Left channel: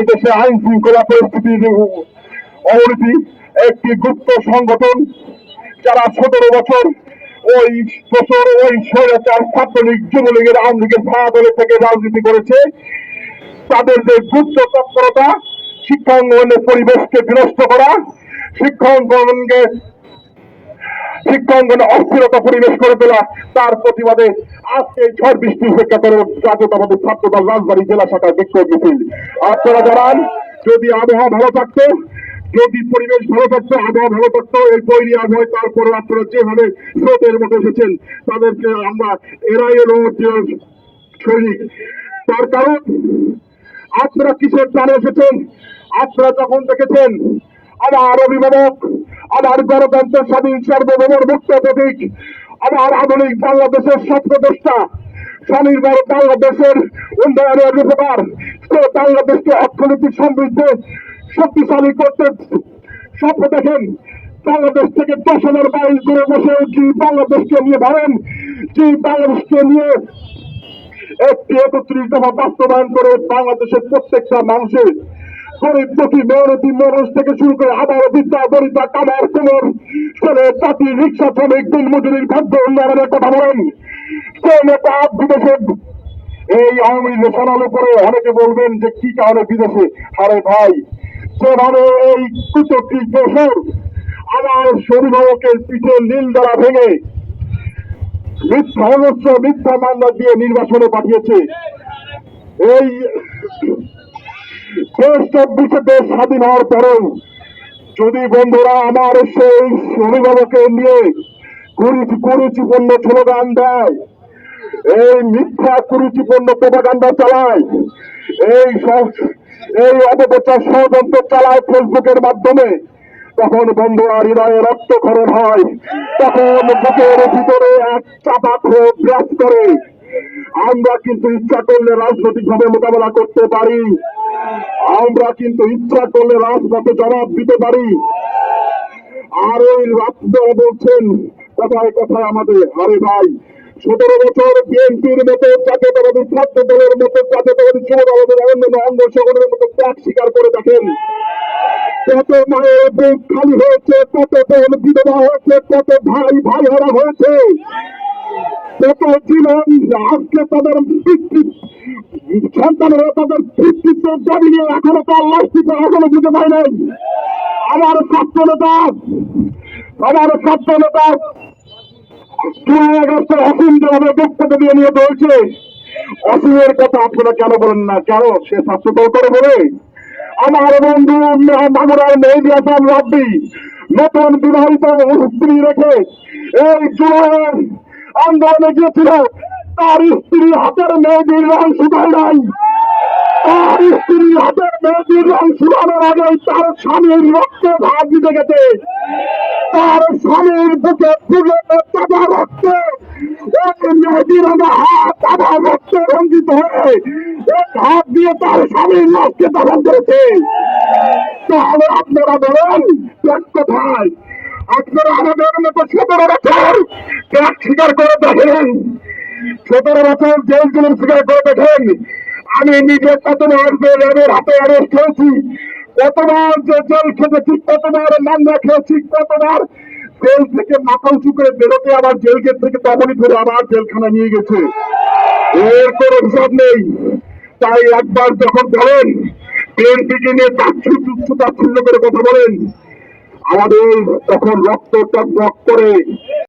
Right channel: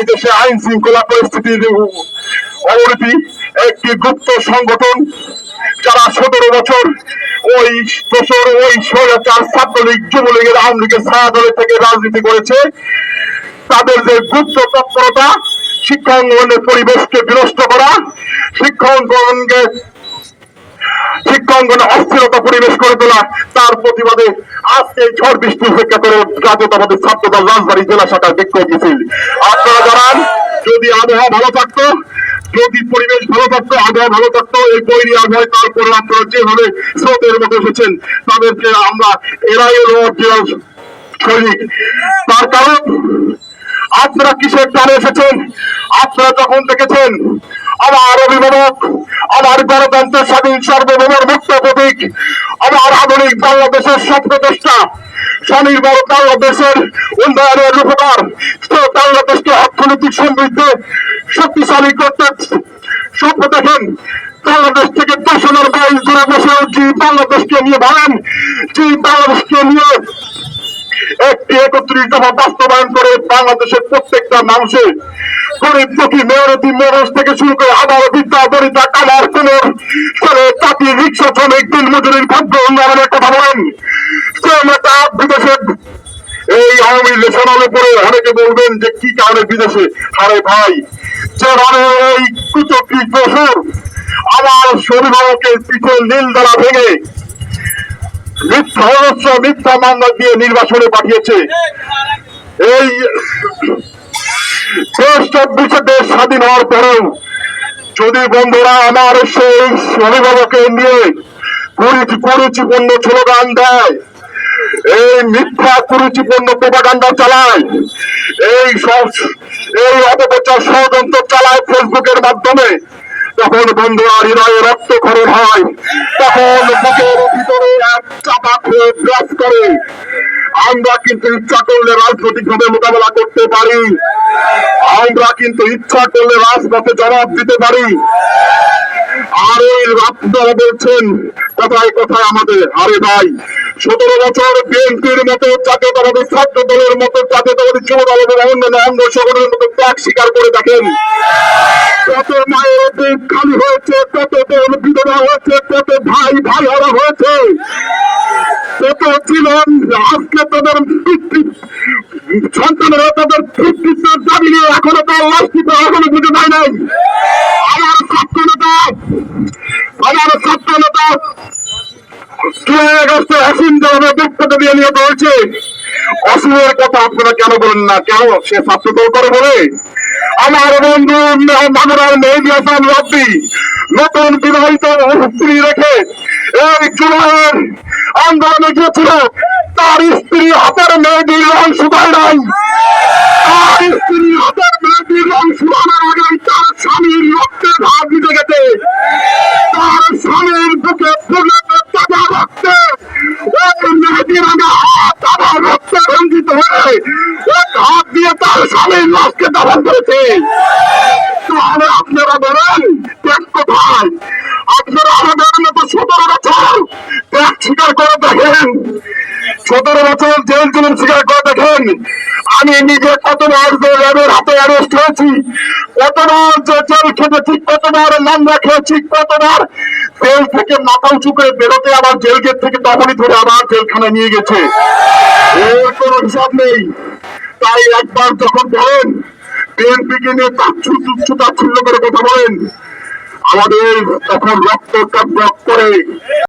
এই দেশে আইন শৃঙ্খলা পরিস্থিতির অবনতি। একটি গুপ্ত সংগঠন যারা সতেরো বছর ওই বছর ওই স্বৈরাচার ছাত্রলীগ যুবলীগের আওয়ামী লীগের ছায়া দলের থেকে রাজনীতি করেছে। তাদের যে গুপ্ত তৎপরতা শিক্ষাঙ্গনের পরিবেশকে বিনষ্ট করা শিক্ষাঙ্গনকে শিক্ষাঙ্গনে অস্থিরতা পরিবেশ করে তোলা, তার প্রতিবাদে আজকে ঝড় বৃষ্টি উপেক্ষা করে জাতীয়তাবাদী ছাত্রদল রাজবাড়ী জেলা শাখার বিক্ষোভ মিছিল। আপনারা জানান, যদি আবহাওয়া ভালো থাকতো, যদি পরিবেশ ভালো থাকতো, আবহাওয়া ভালো থাকতো, এই তৈরি আবহাওয়ায় তারপরে আপনারা যেভাবে স্রোতের মতো এসেছেন, তাদেরকে আমরা এরাই হলো original সৈনিক। তার কারণ, আপনারা কিসের টানে এসেছেন? আপনারা যখন দেখেছেন, আমার অভিভাবক আমার গণতন্ত্রের স্বাধীন, সার্বভৌমের মুক্ত প্রতীক, আমার আধুনিক বাংলাদেশের স্বপ্নদেষ্টা, স্বনির্ভর বাংলাদেশের উন্নয়নের রূপকার, তো বাংলাদেশকে অর্থনৈতিক সমৃদ্ধ, শক্তিশালী করতে স্বপ্ন দেখেন। বাংলাদেশ থেকে দশ হাজার বাইশ দূরে বসে যে বাংলাদেশকে নিয়ে ভাবেন, যে বাংলাদেশকে নিয়ে একটি একত্রিশ দফা বাস্তবায়ন করে বাংলাদেশের প্রত্যেকটা মানুষের গরিব দুঃখী মেয়রতি মানুষ থেকে শুরু করে আবার বিদ্যা কামার জাতি রিক্সা শ্রমিক দিন মজুরির ভাগ্য উন্নয়নের কথা বলেন এই আওয়ামী অনেকে বলবেন যে কি কারণে বিদেশে? আরে ভাই যেভাবে এই কুচক্রি বছর আমার অভিভাবকের পিঠে নীল দ্বারা ভেঙে মিথ্যা মিথ্যা দিয়ে নির্বাচনে পাঠিয়েছে। এই দেশ চব্বিশে দেশ স্বাধীন হওয়ার পরেও যদি বন্ধুরা আমার সেই অভিভাবকের নিয়ে কুরুচি কুরুচিপূর্ণ স্লোগান দেয়, এই মিথ্যা কুরুচিপূর্ণ প্রোপাগান্ডা চালায়, এই এই অপপ্রচার ষড়যন্ত্র চালায় ফেসবুকের মাধ্যমে, তখন বন্ধুরা হৃদয়ে রক্তক্ষরণ হয়, তখন বুকের ভিতরে এক চাপা ক্ষোভ করে। আমরা কিন্তু ইচ্ছা করলে রাজনৈতিক ভাবে মোকাবেলা করতে পারি। আমরা কিন্তু ইচ্ছা করলে রাজপথে জবাব দিতে পারি। আর ওই আপনারা বলছেন, কথায় কথায় আমাদের, আরে ভাই, সতেরো বছর বিএনপির মতো জাতীয়তাবাদী ছাত্র দলের মতো জাতীয়তাবাদী যুব দল এবং অন্যান্য অঙ্গ সংগঠনের মতো ত্যাগ স্বীকার করে দেখেন। কত মায়ের বুক খালি হয়েছে, কত বোন বিধবা হয়েছে, কত ভাই ভাই হারা হয়েছে। কত ছিলেন, আজকে তাদের সন্তানেরা তাদের পিতৃত্বের দাবি নিয়ে এখনও তার লাশটি এখনও বুঝে পায় নাই। আমার ছাত্র নেতা আমার ছাত্র নেতা কেন বলেন না? কেন? সে করে বলে, আমার বন্ধু নতুন বিবাহিত স্ত্রী রেখে এই জুলাইয়ের আন্দোলনে গিয়েছিল। তার স্ত্রী হাতের মেহেদির রং শুকায় নাই তার স্ত্রী হাতের মেহেদির রং শুকানোর আগেই তার স্বামীর রক্তে ভাগ দিতে গেছে। তার স্বামীর বুকে ফুলে তাজা রক্তে আপনারা বলেন ত্যাগ কোথায়, আপনারা আমাদের মতো সতেরো বছর ত্যাগ স্বীকার করে দেখেন সতেরো বছর জেল জুলুম স্বীকার করে দেখেন। আমি নিজে কতবার যে হাতে অ্যারেস্ট হয়েছি। কতবার যে জেল খেটেছি কতবার মামলা খেয়েছি কতবার জেল থেকে মাথা উঁচু করে বেরোতে আবার জেল গেট থেকে তখনই ধরে আবার জেলখানা নিয়ে গেছে। এর কোনো হিসাব নেই। তাই একবার যখন বলেন বিএনপিকে নিয়ে তাচ্ছু তুচ্ছ তাচ্ছিল্য করে কথা বলেন, আমাদের তখন রক্ত টক করে।